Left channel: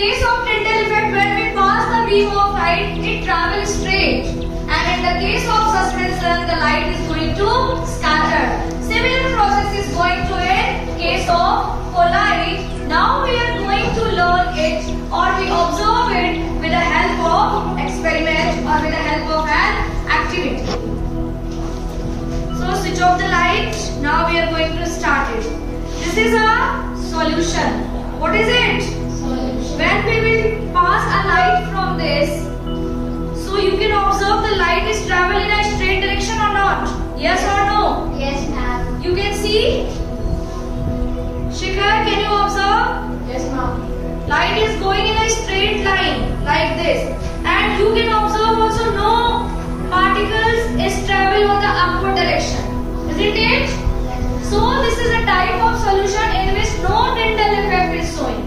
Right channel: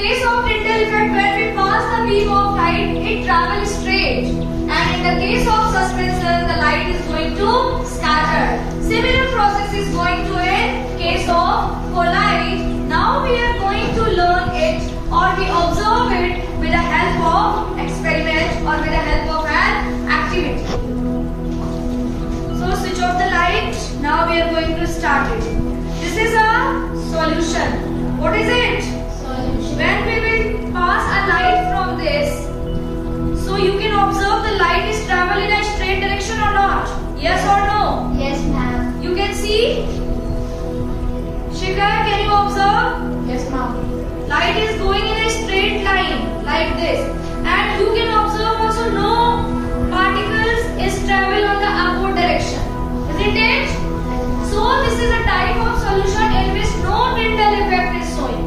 case of Tyndall effect, when we pass the beam of light, it travels straight. And in the case of suspension, the light is going to scatter. Similar process is going to in case of collide. Now we are going to learn it, or we observe it with the help of experiment or with the help of an activity. So switch off the light. Now we are going to start it. This is a solution. What is it? Solution. When we will pass a light from this, so you can observe the light is travel in a straight direction or not? Yes or no? Yes, ma'am. You can see? Shikhar, can you observe? Yes, ma'am. Light is going in a straight line like this. And you can observe also no particles is travel on the upward direction. Isn't it? So this is a type of solution in which no Tyndall effect is showing.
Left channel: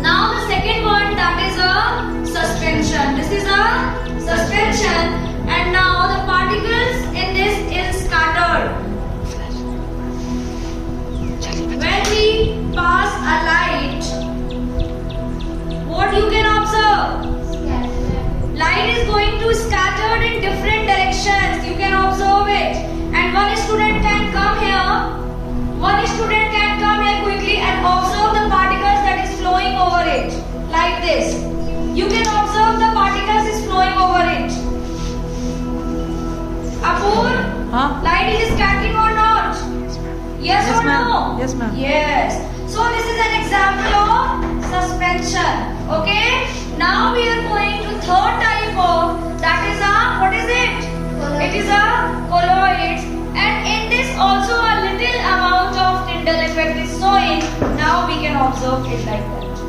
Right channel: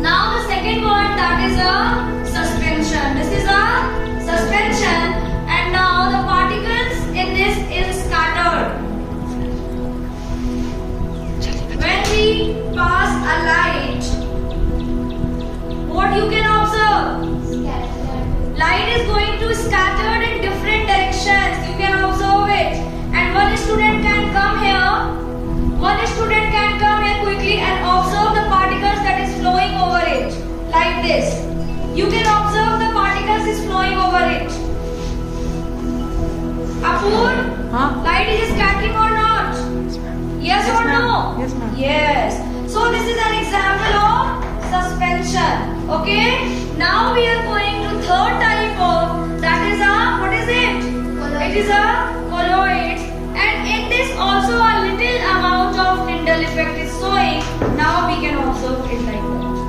Now the second one, that is a suspension. This is a suspension, and now the particles in this is scattered. When we pass a light, what you can observe? Scatter. Light is going to scattered in different directions. You can observe it. And one student can come here. One student can come here quickly and observe the particles that is flowing over it. Like this. You can observe the particles is flowing over it. Apur, Huh? light is scattering or not? Yes, or ma'am. no? Yes, ma'am. Yes. So this is an example of suspension. Okay. Now we are going to third type of, that is a, what is it? Colloid. It is a colloid. And in this also a little amount of Tyndall effect is showing. Now we can observe it like that.